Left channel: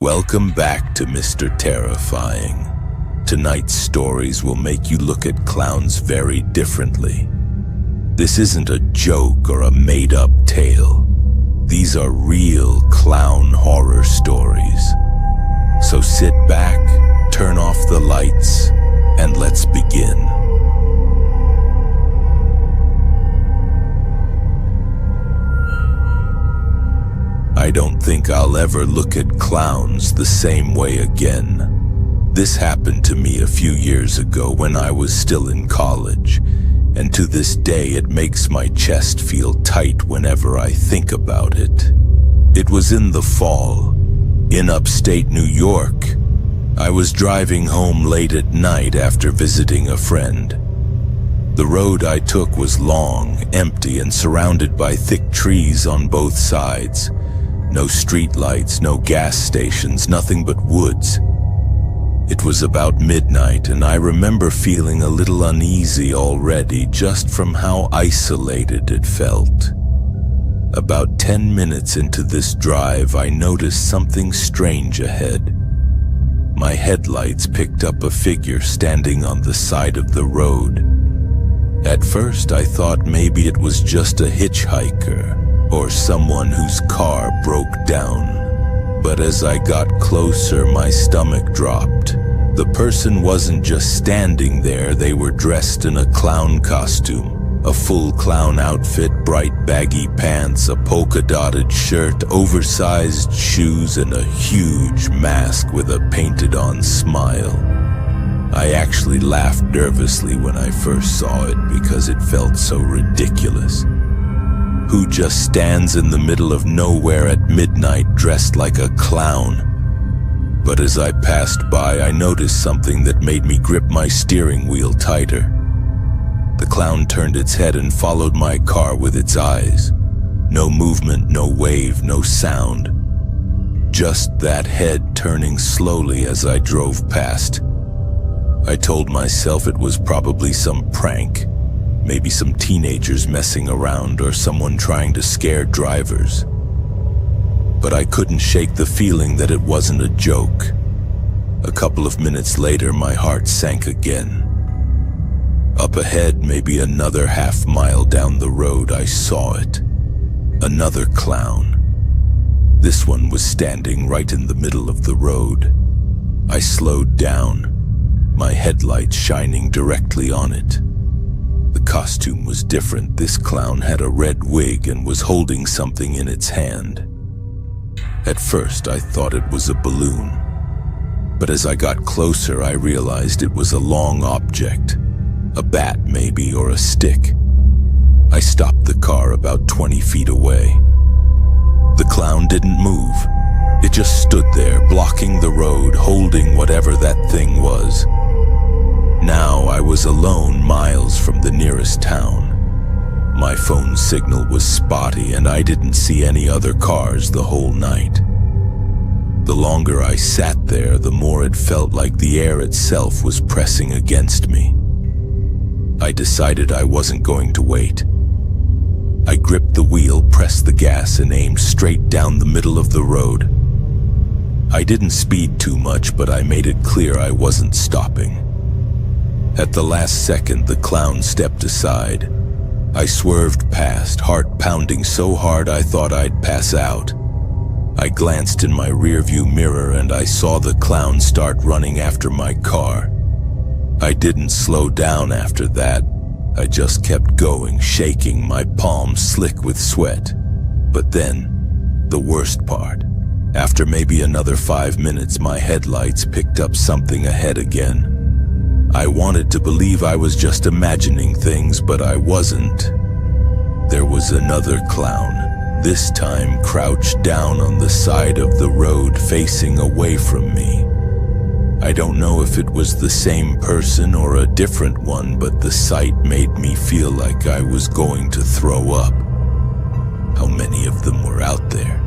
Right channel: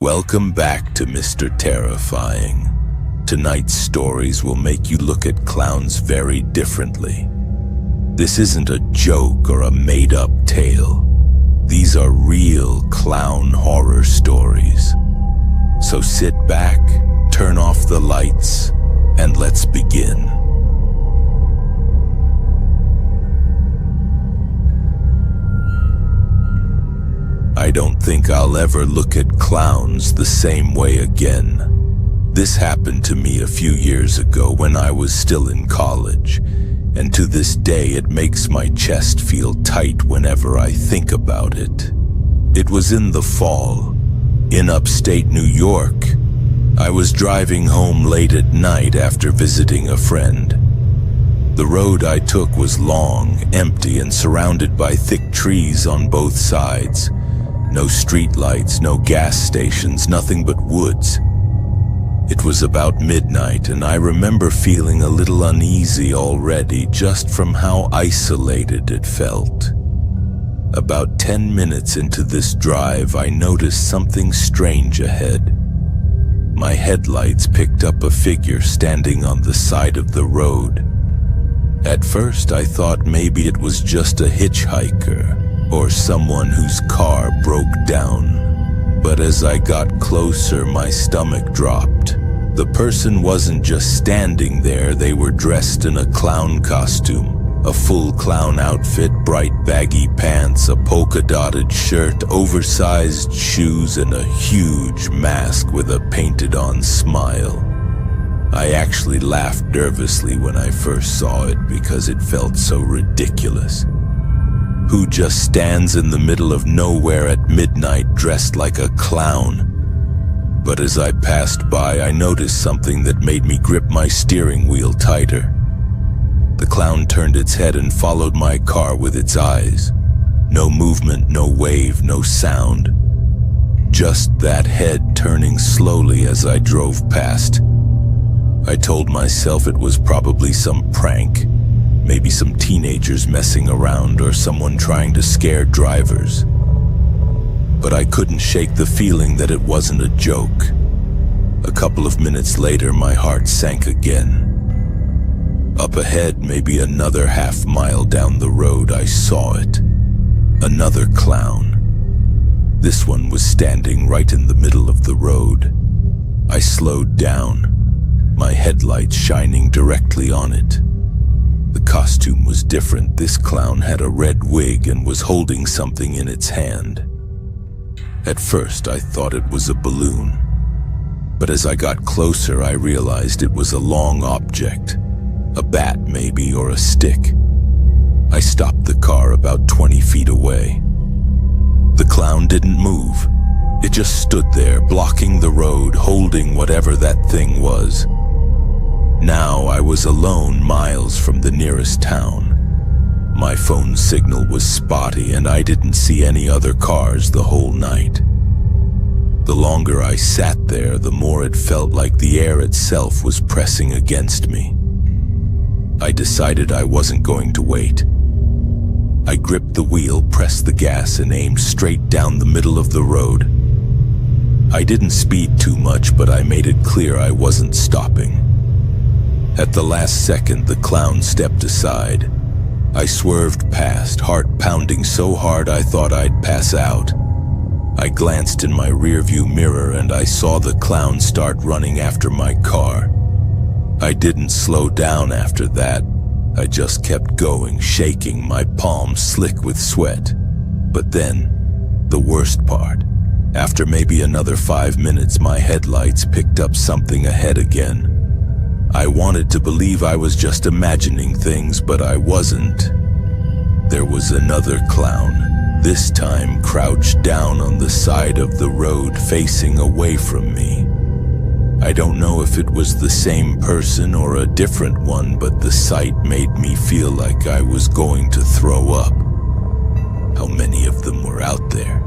Welcome back to Mr. Terrifying. Tonight's stories will make you look at clowns very differently. This isn't a joke or a made-up tale. These are real clown horror stories. So sit back, turn off the lights, and let's begin. I don't think I'll ever look at clowns the same way again. This happened to me a few years ago when I was still in college, and to this day it makes my chest feel tight whenever I think about it. It was in the fall, in upstate New York. I was driving home late at night after visiting a friend. The road I took was long, empty, and surrounded by thick trees on both sides. No streetlights, no gas stations, nothing but woods. It was about midnight, and I remember feeling a little uneasy already just from how isolated it felt. About 10 minutes into this drive, I noticed something strange ahead. My headlights picked up a figure standing on the side of the road. At first, I thought maybe it was just a hitchhiker or someone whose car broke down. But as I got closer, my stomach dropped. The person wasn't just standing there, they were dressed in a clown costume. A full clown outfit, bright baggy pants, a polka-dotted shirt, oversized shoes, and a huge mask with a painted-on smile. I actually laughed nervously when I first saw it because it felt so ridiculous. Who just stands in the middle of nowhere at midnight dressed like a clown? But as I passed by, I noticed something that made me grip my steering wheel tighter. The clown turned its head and followed my car with its eyes. No movement, no wave, no sound. Just that head turning slowly as I drove past. I told myself it was probably some prank. Maybe some teenagers messing around or someone trying to scare drivers. But I couldn't shake the feeling that it wasn't a joke. A couple of minutes later, my heart sank again. Up ahead, maybe another half-mile down the road, I saw it. Another clown. This one was standing right in the middle of the road. I slowed down, my headlights shining directly on it. The costume was different. This clown had a red wig and was holding something in its hand. At first, I thought it was a balloon. But as I got closer, I realized it was a long object. A bat, maybe, or a stick. I stopped the car about 20 feet away. The clown didn't move. It just stood there, blocking the road, holding whatever that thing was. Now I was alone, miles from the nearest town. My phone signal was spotty and I didn't see any other cars the whole night. The longer I sat there, the more it felt like the air itself was pressing against me. I decided I wasn't going to wait. I gripped the wheel, pressed the gas, and aimed straight down the middle of the road. I didn't speed too much, but I made it clear I wasn't stopping. At the last second, the clown stepped aside. I swerved past, heart pounding so hard I thought I'd pass out. I glanced in my rearview mirror and I saw the clown start running after my car. I didn't slow down after that. I just kept going, shaking, my palms slick with sweat. But then, the worst part. After maybe another 5 minutes, my headlights picked up something ahead again. I wanted to believe I was just imagining things, but I wasn't. There was another clown, this time crouched down on the side of the road facing away from me. I don't know if it was the same person or a different one, but the sight made me feel like I was going to throw up. How many of them were out there?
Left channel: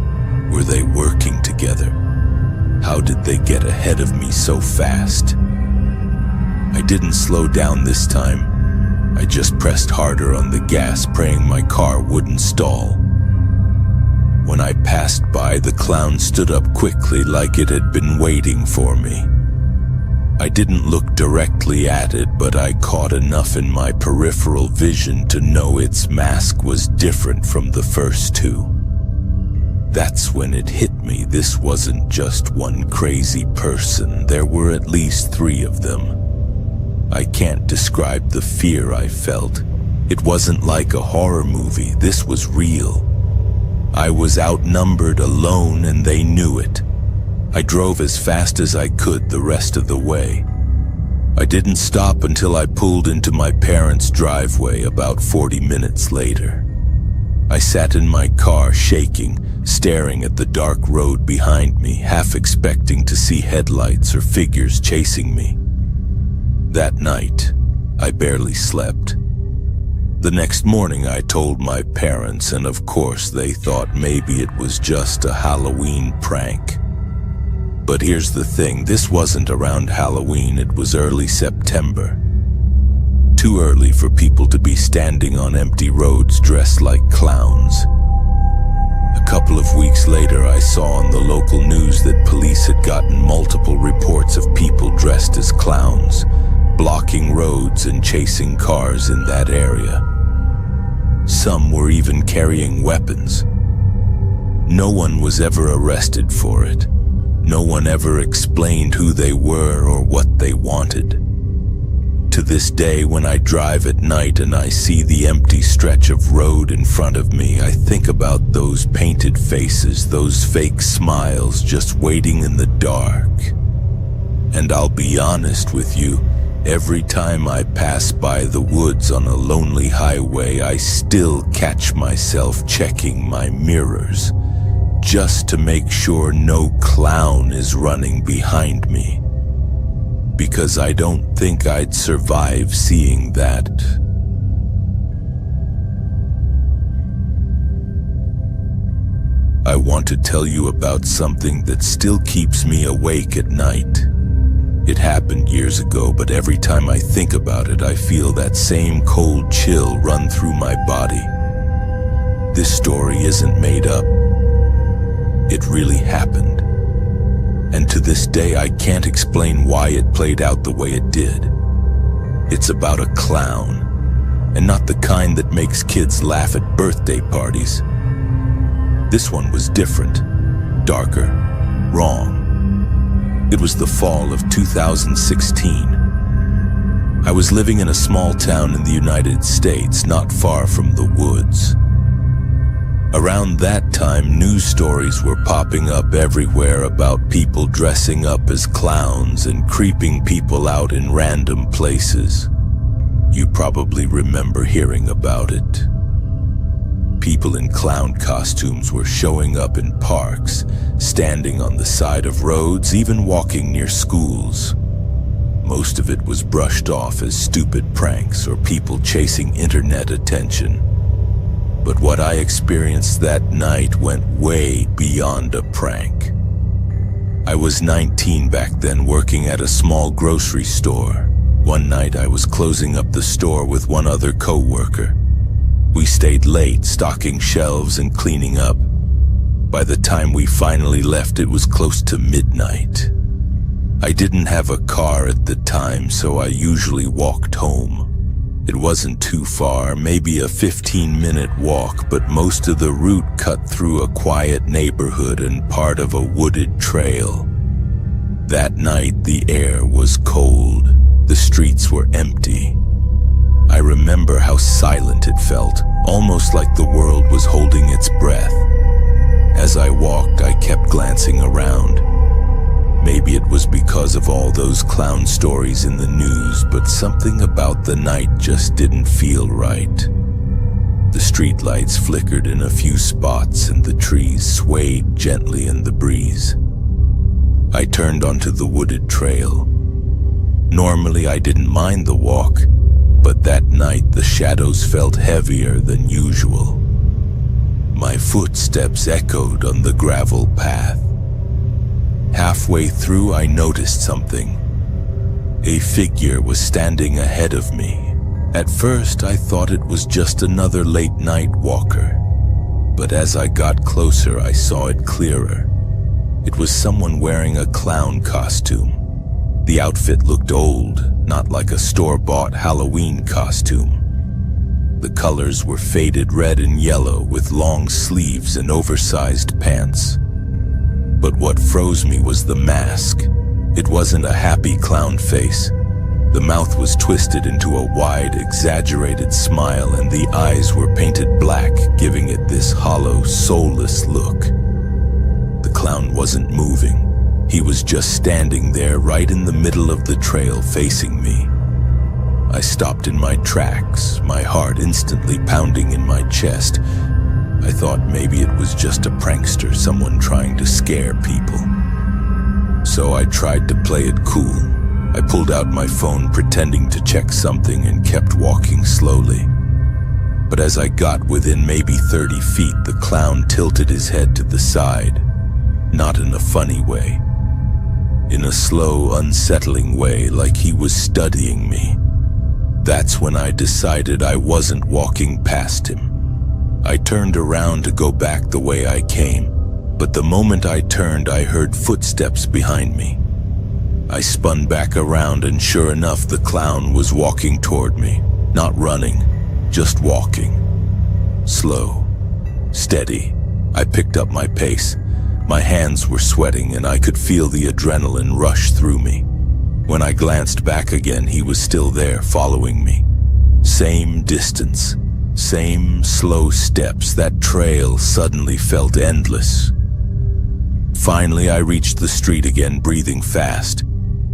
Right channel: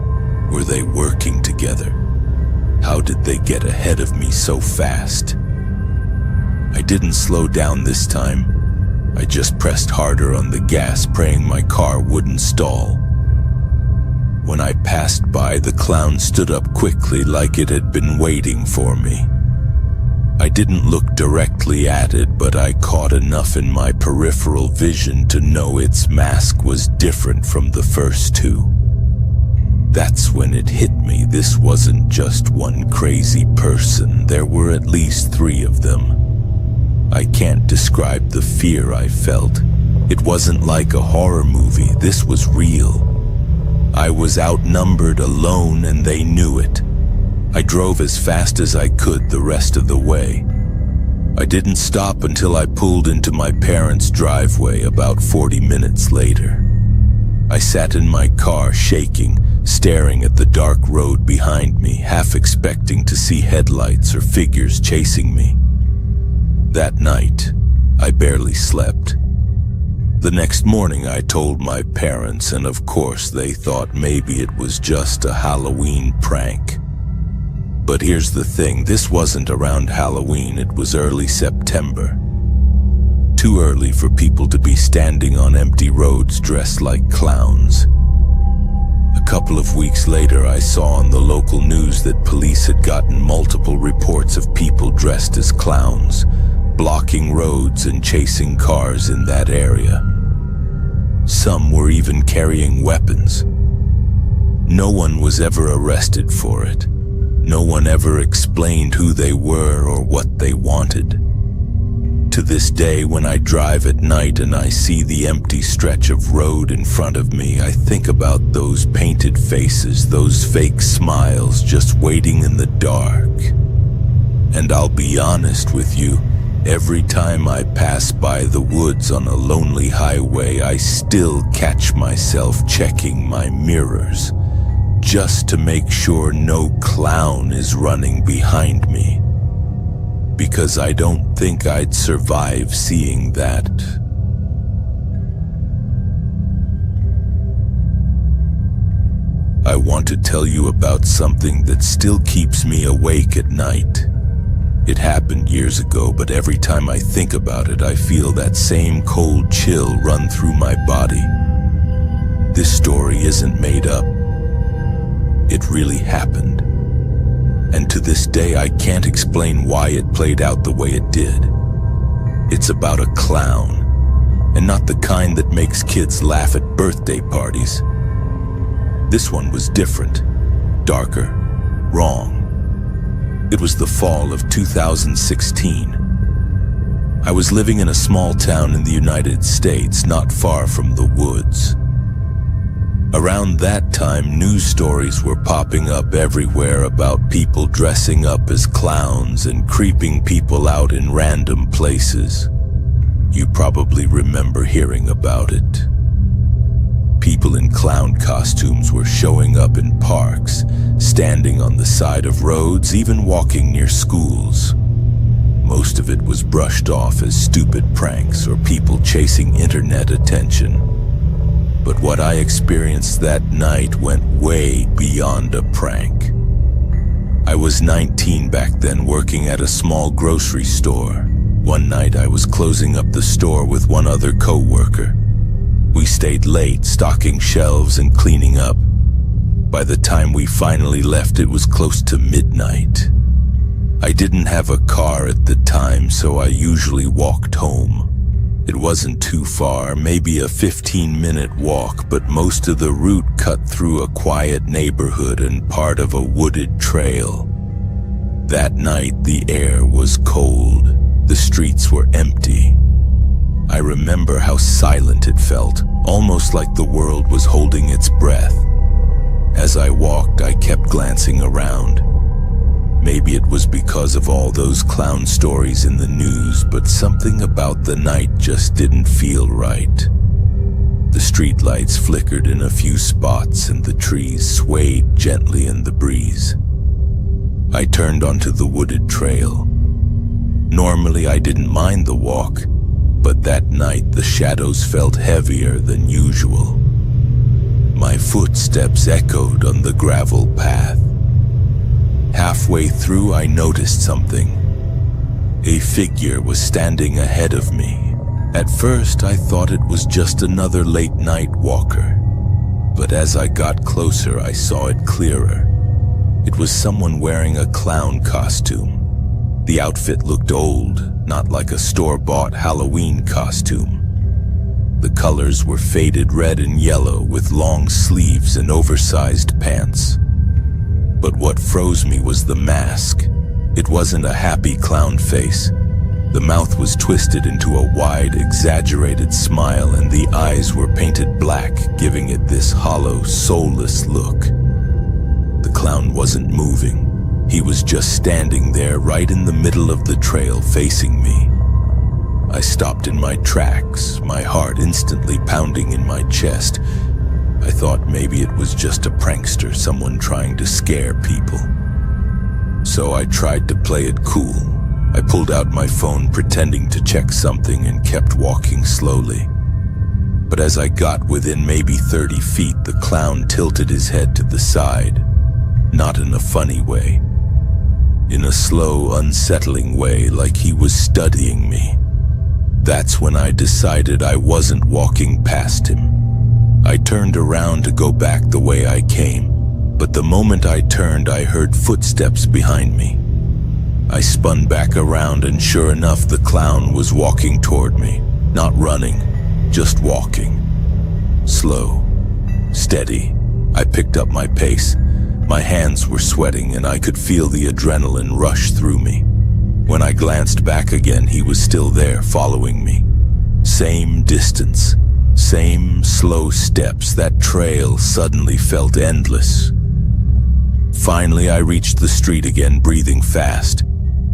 Were they working together? How did they get ahead of me so fast? I didn't slow down this time. I just pressed harder on the gas, praying my car wouldn't stall. When I passed by, the clown stood up quickly like it had been waiting for me. I didn't look directly at it, but I caught enough in my peripheral vision to know its mask was different from the first two. That's when it hit me. This wasn't just one crazy person. There were at least 3 of them. I can't describe the fear I felt. It wasn't like a horror movie. This was real. I was outnumbered, alone, and they knew it. I drove as fast as I could the rest of the way. I didn't stop until I pulled into my parents' driveway about 40 minutes later. I sat in my car shaking, staring at the dark road behind me, half expecting to see headlights or figures chasing me. That night, I barely slept. The next morning I told my parents, and of course they thought maybe it was just a Halloween prank. But here's the thing, this wasn't around Halloween, it was early September. Too early for people to be standing on empty roads dressed like clowns. A couple of weeks later, I saw on the local news that police had gotten multiple reports of people dressed as clowns, blocking roads and chasing cars in that area. Some were even carrying weapons. No one was ever arrested for it. No one ever explained who they were or what they wanted. To this day, when I drive at night and I see the empty stretch of road in front of me, I think about those painted faces, those fake smiles just waiting in the dark. And I'll be honest with you, every time I pass by the woods on a lonely highway, I still catch myself checking my mirrors, just to make sure no clown is running behind me. Because I don't think I'd survive seeing that. I want to tell you about something that still keeps me awake at night. It happened years ago, but every time I think about it, I feel that same cold chill run through my body. This story isn't made up. It really happened. And to this day, I can't explain why it played out the way it did. It's about a clown, and not the kind that makes kids laugh at birthday parties. This one was different, darker, wrong. It was the fall of 2016. I was living in a small town in the United States, not far from the woods. Around that time, news stories were popping up everywhere about people dressing up as clowns and creeping people out in random places. You probably remember hearing about it. People in clown costumes were showing up in parks, standing on the side of roads, even walking near schools. Most of it was brushed off as stupid pranks or people chasing internet attention. But what I experienced that night went way beyond a prank. I was 19 back then, working at a small grocery store. One night I was closing up the store with one other co-worker. We stayed late, stocking shelves and cleaning up. By the time we finally left, it was close to midnight. I didn't have a car at the time, so I usually walked home. It wasn't too far, maybe a 15-minute walk, but most of the route cut through a quiet neighborhood and part of a wooded trail. That night, the air was cold. The streets were empty. I remember how silent it felt, almost like the world was holding its breath. As I walked, I kept glancing around. Maybe it was because of all those clown stories in the news, but something about the night just didn't feel right. The streetlights flickered in a few spots and the trees swayed gently in the breeze. I turned onto the wooded trail. Normally I didn't mind the walk, but that night the shadows felt heavier than usual. My footsteps echoed on the gravel path. Halfway through, I noticed something. A figure was standing ahead of me. At first, I thought it was just another late-night walker. but as I got closer, I saw it clearer. It was someone wearing a clown costume. The outfit looked old, not like a store-bought Halloween costume. The colors were faded red and yellow with long sleeves and oversized pants. But what froze me was the mask. It wasn't a happy clown face. The mouth was twisted into a wide, exaggerated smile, and the eyes were painted black, giving it this hollow, soulless look. The clown wasn't moving. He was just standing there right in the middle of the trail facing me. I stopped in my tracks, my heart instantly pounding in my chest. I thought maybe it was just a prankster, someone trying to scare people. So I tried to play it cool. I pulled out my phone pretending to check something and kept walking slowly. But as I got within maybe 30 feet, the clown tilted his head to the side. Not in a funny way. In a slow, unsettling way, like he was studying me. That's when I decided I wasn't walking past him. I turned around to go back the way I came, but the moment I turned, I heard footsteps behind me. I spun back around, and sure enough, the clown was walking toward me. Not running, just walking. Slow, steady. I picked up my pace. My hands were sweating, and I could feel the adrenaline rush through me. When I glanced back again, he was still there, following me. Same distance, same slow steps. That trail suddenly felt endless. Finally, I reached the street again, breathing fast.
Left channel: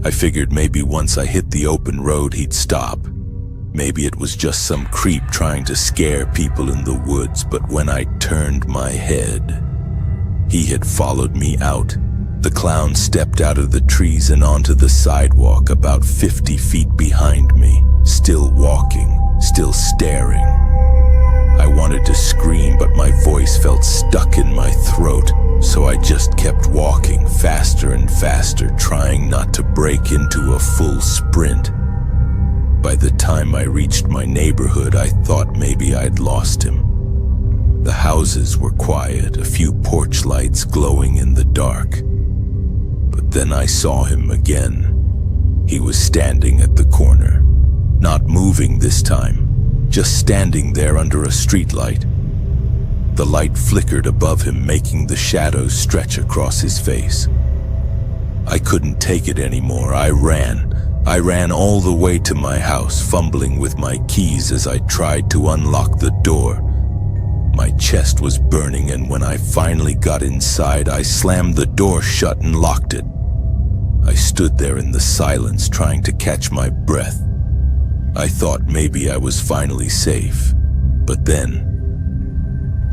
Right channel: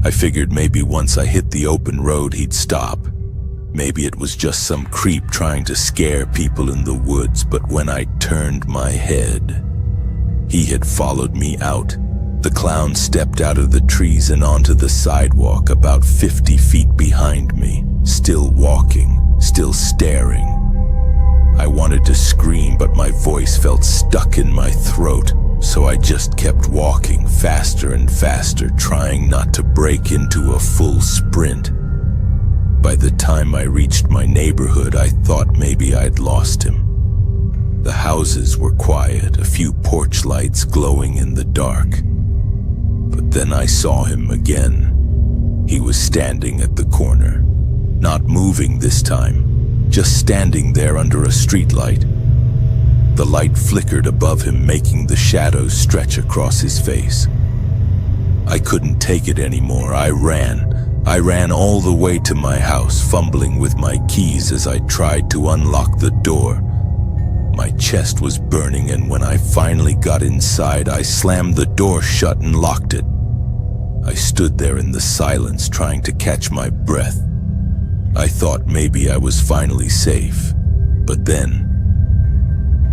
I figured maybe once I hit the open road, he'd stop. Maybe it was just some creep trying to scare people in the woods, but when I turned my head, he had followed me out. The clown stepped out of the trees and onto the sidewalk about 50 feet behind me, still walking, still staring. I wanted to scream, but my voice felt stuck in my throat, so I just kept walking faster and faster, trying not to break into a full sprint. By the time I reached my neighborhood, I thought maybe I'd lost him. The houses were quiet, a few porch lights glowing in the dark. But then I saw him again. He was standing at the corner, not moving this time, just standing there under a streetlight. The light flickered above him, making the shadows stretch across his face. I couldn't take it anymore. I ran all the way to my house, fumbling with my keys as I tried to unlock the door. My chest was burning, and when I finally got inside, I slammed the door shut and locked it. I stood there in the silence, trying to catch my breath. I thought maybe I was finally safe, but then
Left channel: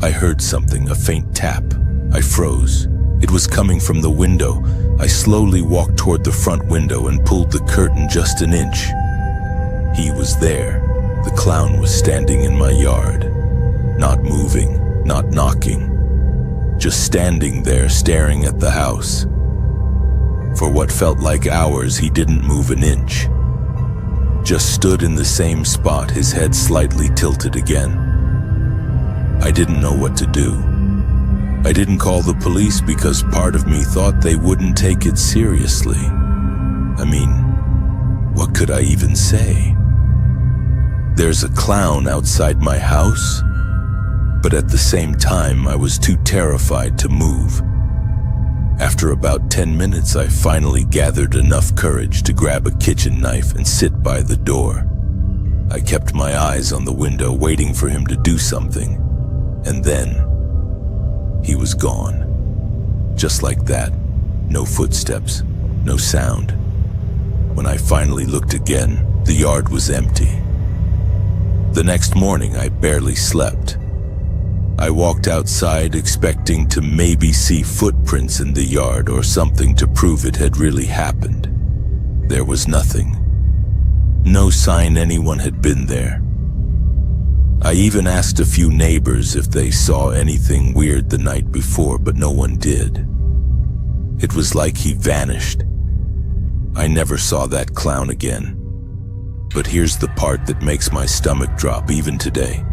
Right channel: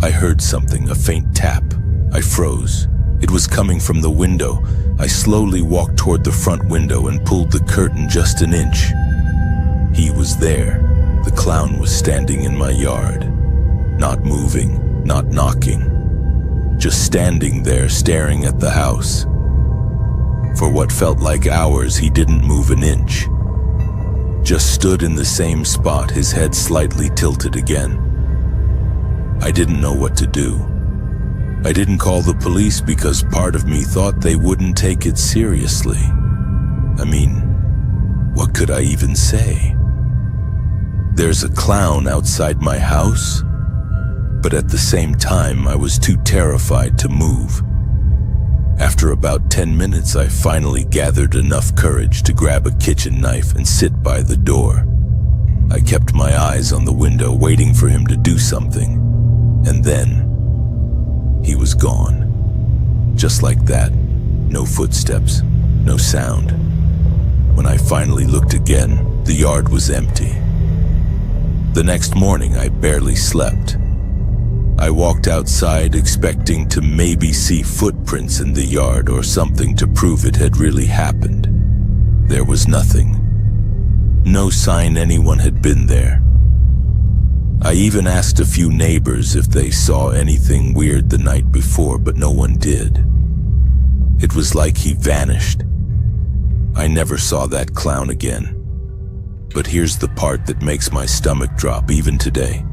I heard something, a faint tap. I froze. It was coming from the window. I slowly walked toward the front window and pulled the curtain just an inch. He was there. The clown was standing in my yard. Not moving, not knocking. Just standing there, staring at the house. For what felt like hours, he didn't move an inch. Just stood in the same spot, his head slightly tilted again. I didn't know what to do. I didn't call the police because part of me thought they wouldn't take it seriously. I mean, what could I even say? There's a clown outside my house? But at the same time, I was too terrified to move. After about 10 minutes, I finally gathered enough courage to grab a kitchen knife and sit by the door. I kept my eyes on the window, waiting for him to do something. And then, he was gone. Just like that. No footsteps, no sound. When I finally looked again, the yard was empty. The next morning, I barely slept. I walked outside expecting to maybe see footprints in the yard or something to prove it had really happened. There was nothing. No sign anyone had been there. I even asked a few neighbors if they saw anything weird the night before, but no one did. It was like he vanished. I never saw that clown again. But here's the part that makes my stomach drop even today.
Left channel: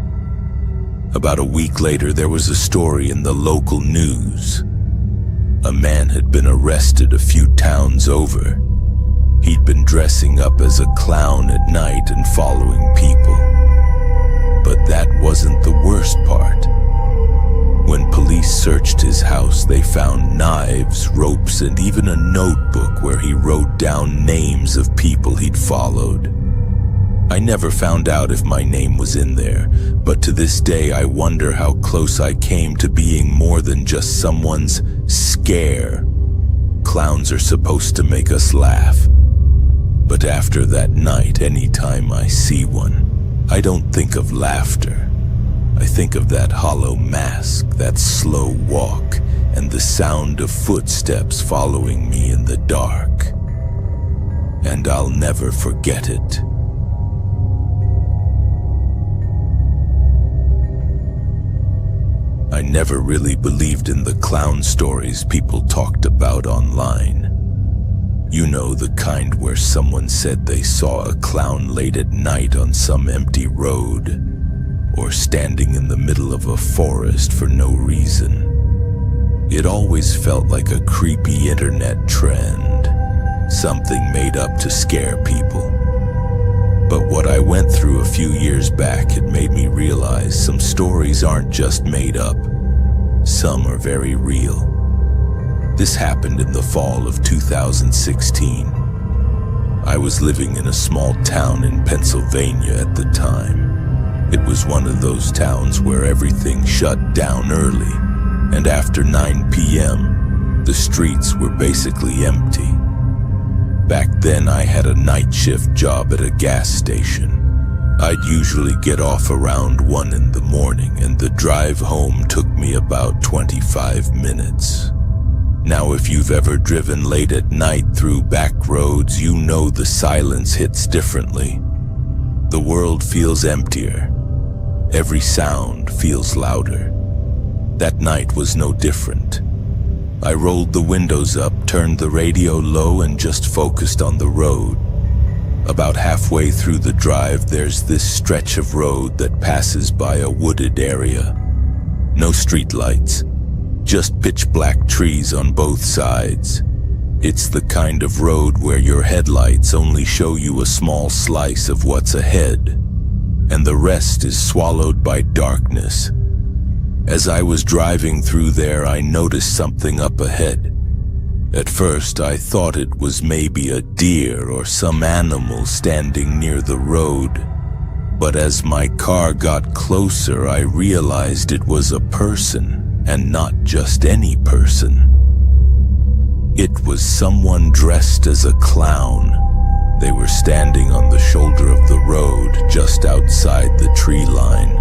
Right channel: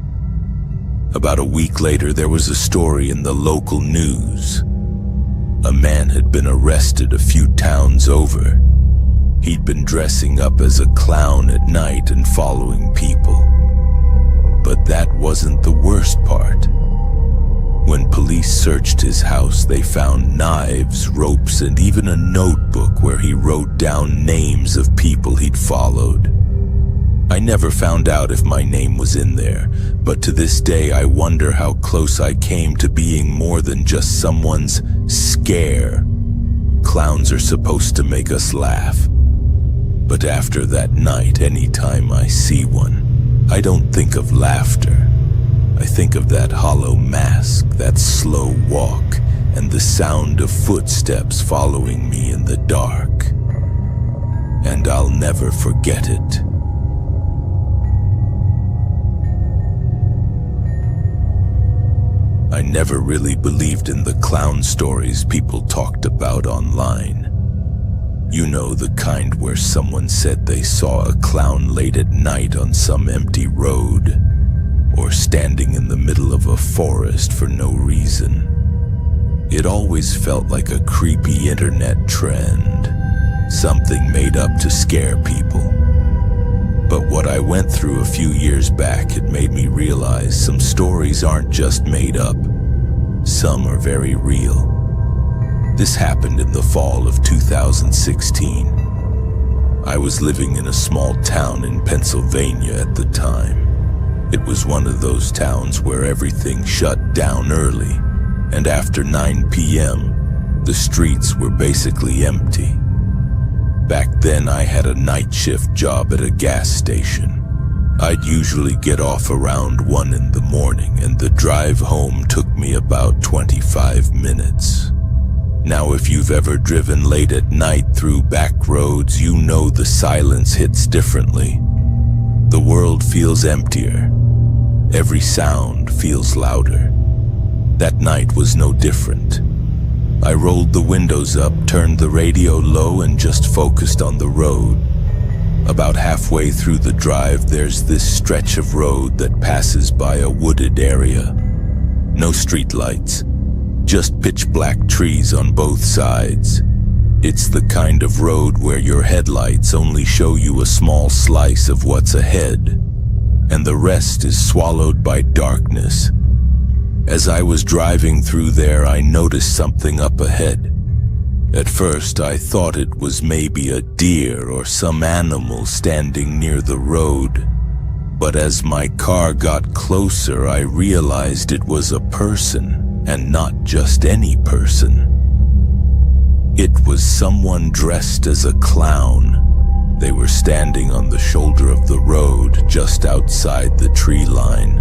About a week later, there was a story in the local news. A man had been arrested a few towns over. He'd been dressing up as a clown at night and following people. But that wasn't the worst part. When police searched his house, they found knives, ropes, and even a notebook where he wrote down names of people he'd followed. I never found out if my name was in there, but to this day I wonder how close I came to being more than just someone's scare. Clowns are supposed to make us laugh. But after that night, anytime I see one, I don't think of laughter. I think of that hollow mask, that slow walk, and the sound of footsteps following me in the dark. And I'll never forget it. I never really believed in the clown stories people talked about online. You know, the kind where someone said they saw a clown late at night on some empty road, or standing in the middle of a forest for no reason. It always felt like a creepy internet trend, something made up to scare people. But what I went through a few years back, it made me realize some stories aren't just made up. Some are very real. This happened in the fall of 2016. I was living in a small town in Pennsylvania at the time. It was one of those towns where everything shut down early, and after 9 p.m., the streets were basically empty. Back then, I had a night shift job at a gas station. I'd usually get off around 1 in the morning, and the drive home took me about 25 minutes. Now, if you've ever driven late at night through back roads, you know the silence hits differently. The world feels emptier. Every sound feels louder. That night was no different. I rolled the windows up, turned the radio low, and just focused on the road. About halfway through the drive, there's this stretch of road that passes by a wooded area. No streetlights, just pitch-black trees on both sides. It's the kind of road where your headlights only show you a small slice of what's ahead, and the rest is swallowed by darkness. As I was driving through there, I noticed something up ahead. At first, I thought it was maybe a deer or some animal standing near the road. But as my car got closer, I realized it was a person, and not just any person. It was someone dressed as a clown. They were standing on the shoulder of the road, just outside the tree line.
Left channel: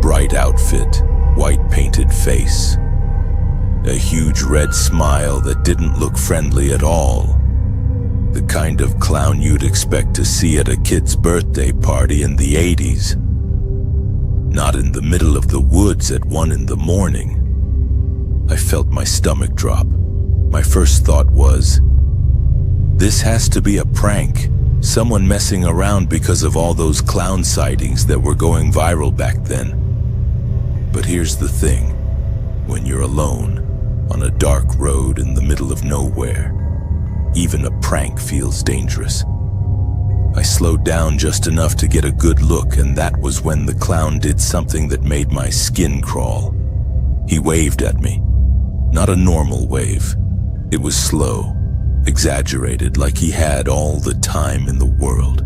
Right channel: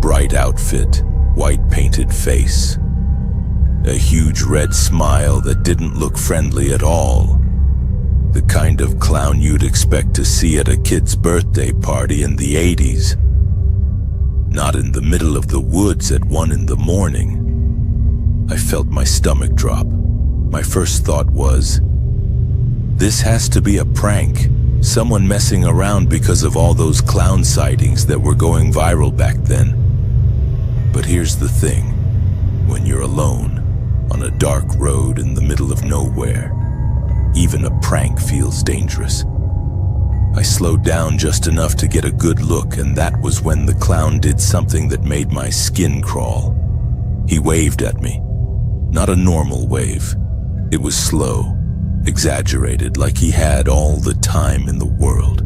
Bright outfit, white painted face. A huge red smile that didn't look friendly at all. The kind of clown you'd expect to see at a kid's birthday party in the 80s. Not in the middle of the woods at 1 in the morning. I felt my stomach drop. My first thought was, this has to be a prank. Someone messing around because of all those clown sightings that were going viral back then. But here's the thing. When you're alone, on a dark road in the middle of nowhere, even a prank feels dangerous. I slowed down just enough to get a good look, and that was when the clown did something that made my skin crawl. He waved at me. Not a normal wave. It was slow, exaggerated, like he had all the time in the world.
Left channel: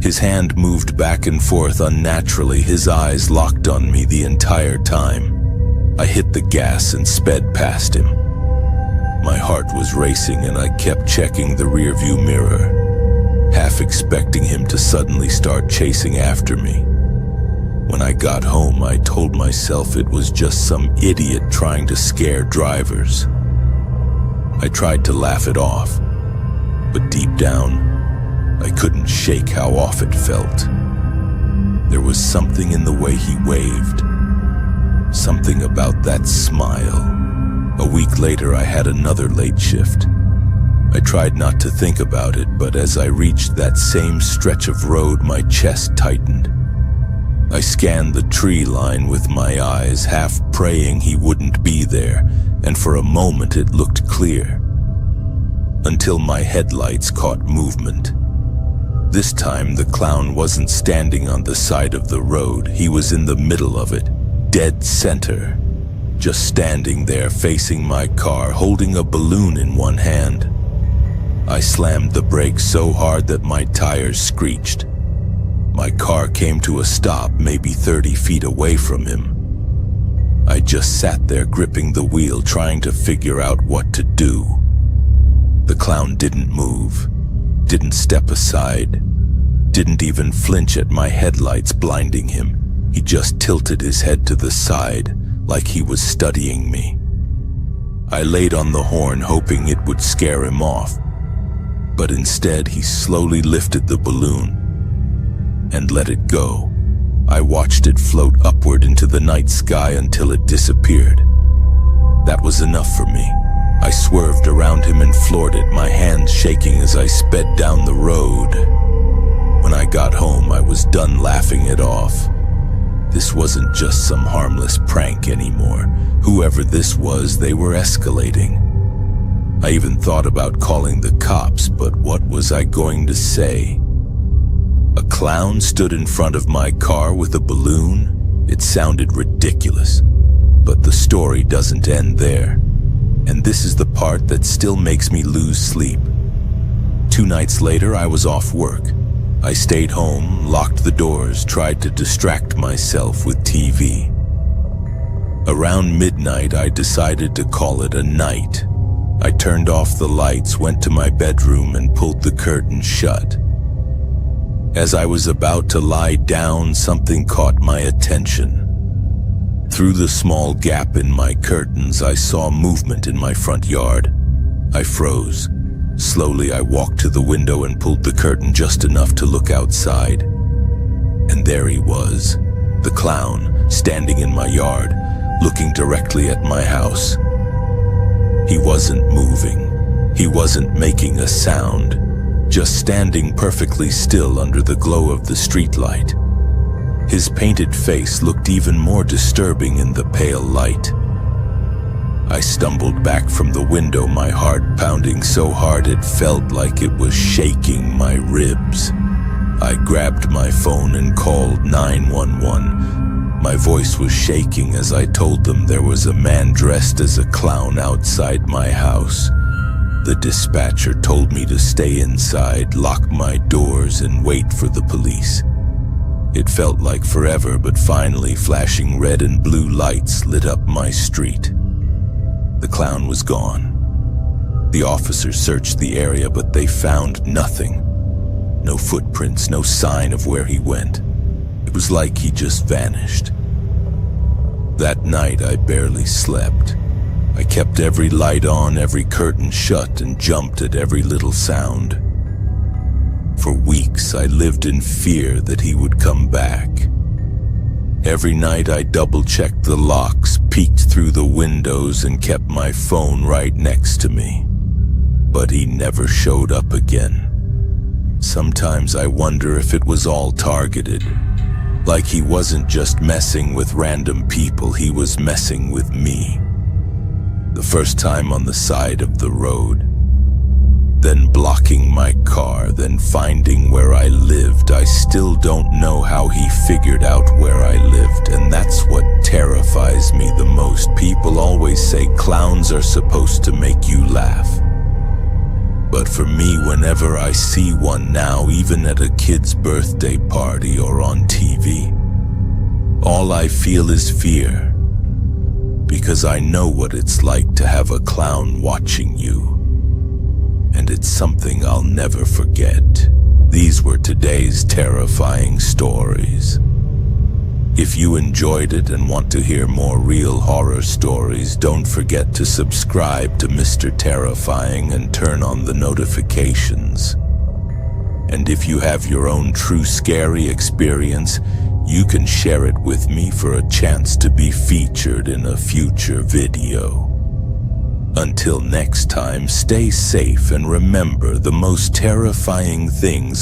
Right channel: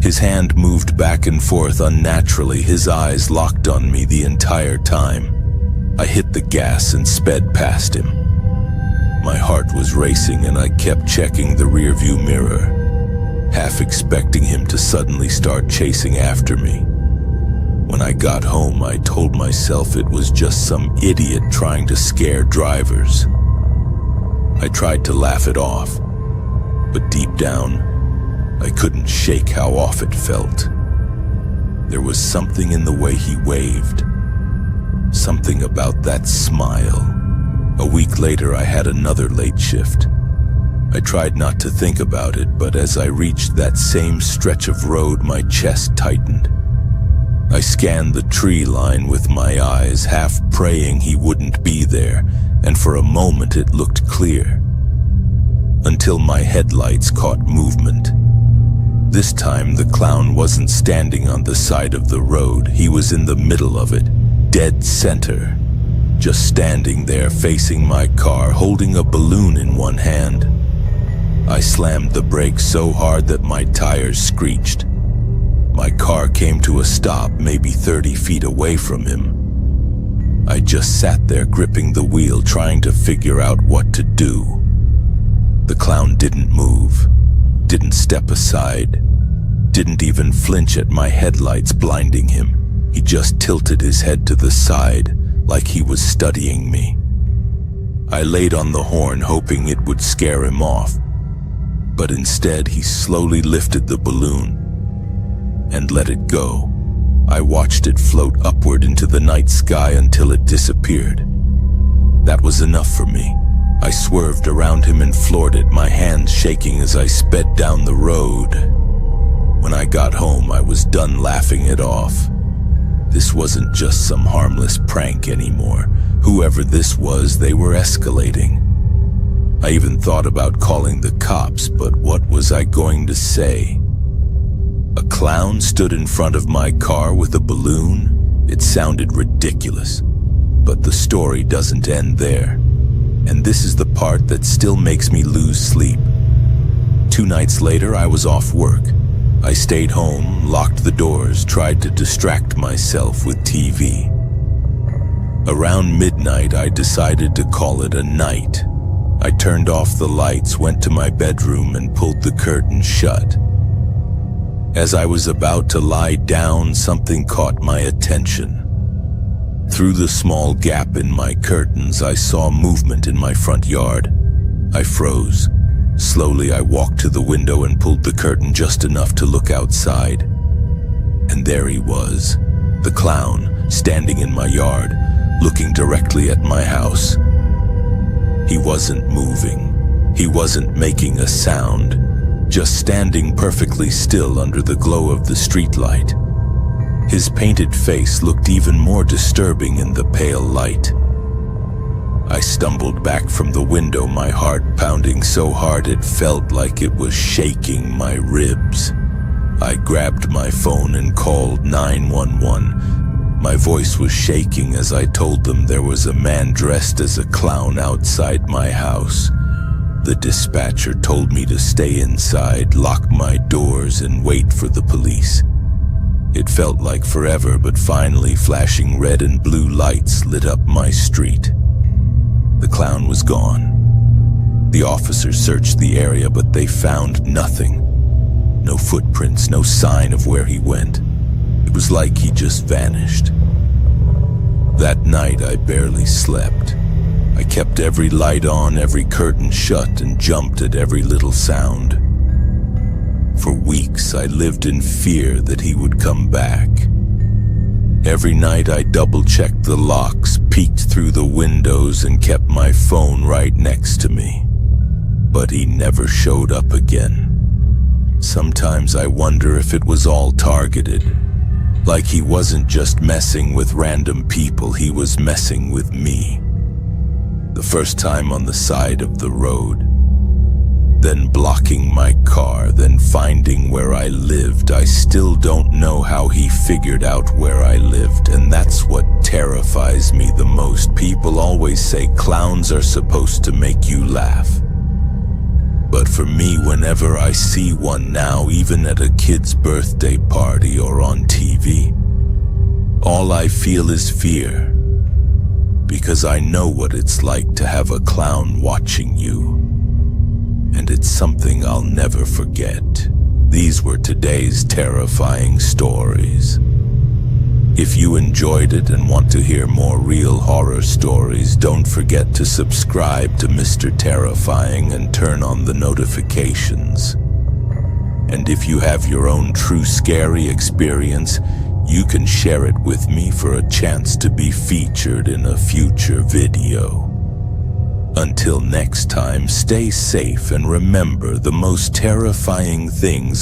His hand moved back and forth unnaturally, his eyes locked on me the entire time. I hit the gas and sped past him. My heart was racing, and I kept checking the rearview mirror, half expecting him to suddenly start chasing after me. When I got home, I told myself it was just some idiot trying to scare drivers. I tried to laugh it off, but deep down, I couldn't shake how off it felt. There was something in the way he waved. Something about that smile. A week later, I had another late shift. I tried not to think about it, but as I reached that same stretch of road, my chest tightened. I scanned the tree line with my eyes, half praying he wouldn't be there, and for a moment it looked clear. Until my headlights caught movement. This time the clown wasn't standing on the side of the road, he was in the middle of it, dead center. Just standing there facing my car, holding a balloon in one hand. I slammed the brakes so hard that my tires screeched. My car came to a stop maybe 30 feet away from him. I just sat there gripping the wheel, trying to figure out what to do. The clown didn't move, didn't step aside, didn't even flinch at my headlights blinding him. He just tilted his head to the side, like he was studying me. I laid on the horn hoping it would scare him off, but instead he slowly lifted the balloon and let it go. I watched it float upward into the night sky until it disappeared. That was enough for me. I swerved around him and floored it, my hands shaking as I sped down the road. When I got home, I was done laughing it off. This wasn't just some harmless prank anymore. Whoever this was, they were escalating. I even thought about calling the cops, but what was I going to say? A clown stood in front of my car with a balloon? It sounded ridiculous. But the story doesn't end there. And this is the part that still makes me lose sleep. 2 nights later, I was off work. I stayed home, locked the doors, tried to distract myself with TV. Around midnight, I decided to call it a night. I turned off the lights, went to my bedroom, and pulled the curtain shut. As I was about to lie down, something caught my attention. Through the small gap in my curtains, I saw movement in my front yard. I froze. Slowly, I walked to the window and pulled the curtain just enough to look outside. And there he was, the clown, standing in my yard, looking directly at my house. He wasn't moving. He wasn't making a sound, just standing perfectly still under the glow of the streetlight. His painted face looked even more disturbing in the pale light. I stumbled back from the window, my heart pounding so hard it felt like it was shaking my ribs. I grabbed my phone and called 911. My voice was shaking as I told them there was a man dressed as a clown outside my house. The dispatcher told me to stay inside, lock my doors, and wait for the police. It felt like forever, but finally flashing red and blue lights lit up my street. The clown was gone. The officers searched the area, but they found nothing. No footprints, no sign of where he went. It was like he just vanished. That night I barely slept. I kept every light on, every curtain shut, and jumped at every little sound. For weeks I lived in fear that he would come back. Every night I double-checked the locks, peeked through the windows, and kept my phone right next to me. But he never showed up again. Sometimes I wonder if it was all targeted. Like he wasn't just messing with random people, he was messing with me. The first time on the side of the road, then blocking my car, then finding where I lived. I still don't know how he figured out where I lived, and that's what terrifies me the most. People always say clowns are supposed to make you laugh. But for me, whenever I see one now, even at a kid's birthday party or on TV, all I feel is fear. Because I know what it's like to have a clown watching you. And it's something I'll never forget. These were today's terrifying stories. If you enjoyed it and want to hear more real horror stories, don't forget to subscribe to Mr. Terrifying and turn on the notifications. And if you have your own true scary experience, you can share it with me for a chance to be featured in a future video. Until next time, stay safe and remember, the most terrifying things